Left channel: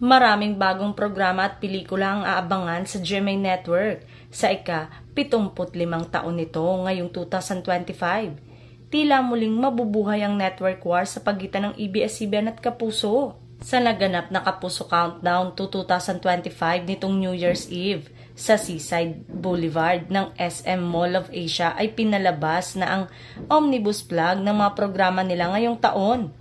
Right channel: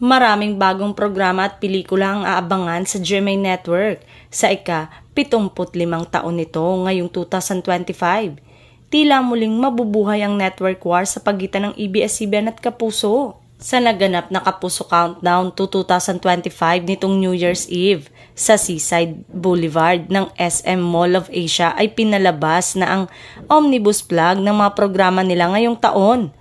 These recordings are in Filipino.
Maraming bagong programa at pelikula ang aabangan sa GMA Network sa ika-75 taon nito ngayong 2025. Tila muling mabubuhay ang network war sa pagitan ng ABS-CBN at Kapuso. Sa naganap na Kapuso Countdown to 2025 nitong New Year's Eve sa Seaside Boulevard ng SM Mall of Asia ay pinalabas na ang omnibus plug ng mga programa nila ngayong taon.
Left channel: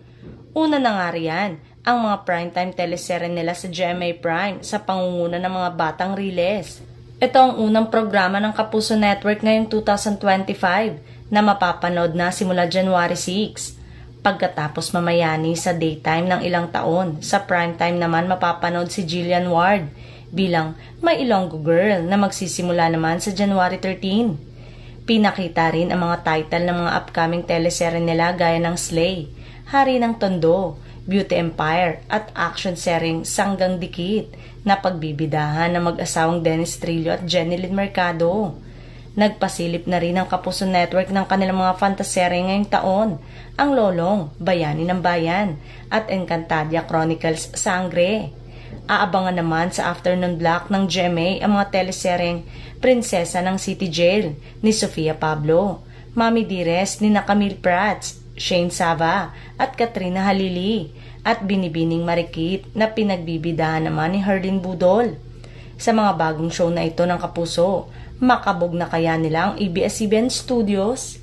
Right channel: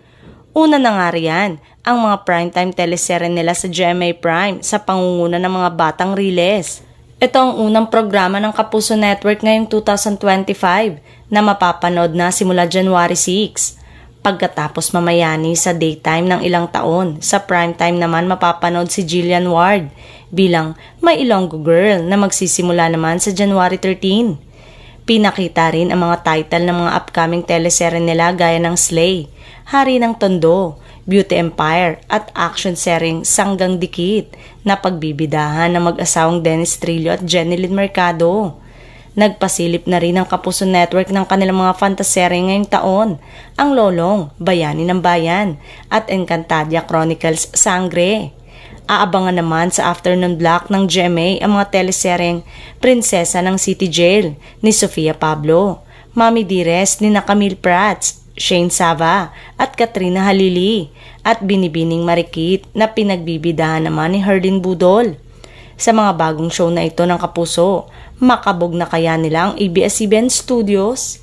Una na nga riyan, ang mga primetime teleserye nila sa GMA Prime sa pangunguna ng mga batang riles. Ito ang unang programa ng Kapuso Network ngayong 2025 na mapapanood na simula January 6. Pagkatapos mamayani sa daytime ng ilang taon, sa primetime naman mapapanood si Jillian Ward bilang My Ilonggo Girl na magsisimula naman sa January 13. Pinakita rin ang mga title ng mga upcoming teleserye nila gaya ng Slay, Hari ng Tondo, Beauty Empire at action seryeng Sanggang Dikit na pagbibidahan ng mag-asawang Dennis Trillo at Jenilyn Mercado. Nagpasilip na rin ang Kapuso Network ng kanilang mga fantaserye ngayong taon, ang Lolong, Bayani ng Bayan at Encantadia Chronicles Sangre. Aabangan naman sa afternoon block ng GMA ang mga teleseryeng Prinsesa ng City Jail ni Sofia Pablo, Mami Dearest ni Camille Prats, Shane Sava at Katrina Halili at Binibining Marikit na pinagbibidahan naman ni Herlin Budol. Sa mga bagong show na ito ng Kapuso, makabog na kaya nila ang ABS-CBN Studios?